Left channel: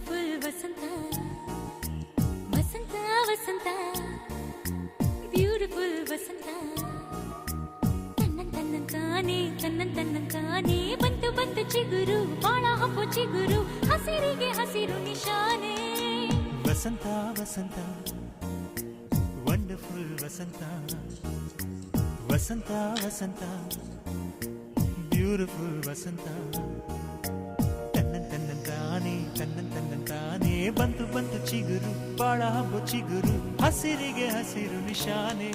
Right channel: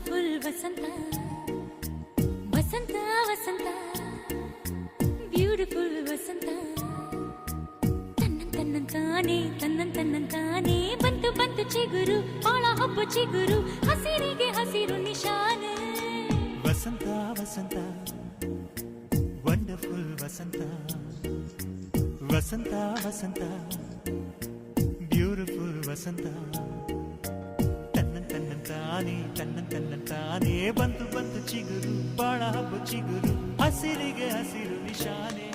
beautiful ವಸಂತ ವಸಂತ ವಸಂತ beautiful ವಸಂತ ತನ್ನಂತಾನೆ ಬಂತು ಬಂತು ಚಿಗುರು ಬಾಳ ಹಬ್ಬ ಚಿಗುರು ಹಸಿರಿಗೆ ಹಸಿರು ನಿಶಾನೆ ವಸಂತ ವಸಂತ ವಂಡರ್ಫುಲ್ ವಸಂತ ವಸಂತ ವಸಂತ ಬ್ಯೂಟಿಫುಲ್ ವಸಂತ ತನ್ನಂತಾನೆ ಬಂತು ಬಂತು ಚಿಗುರು ಬಾಳ ಹಬ್ಬ ಚಿಗುರು ಹಸಿರಿಗೆ ಹಸಿರು ನಿಶಾನೆ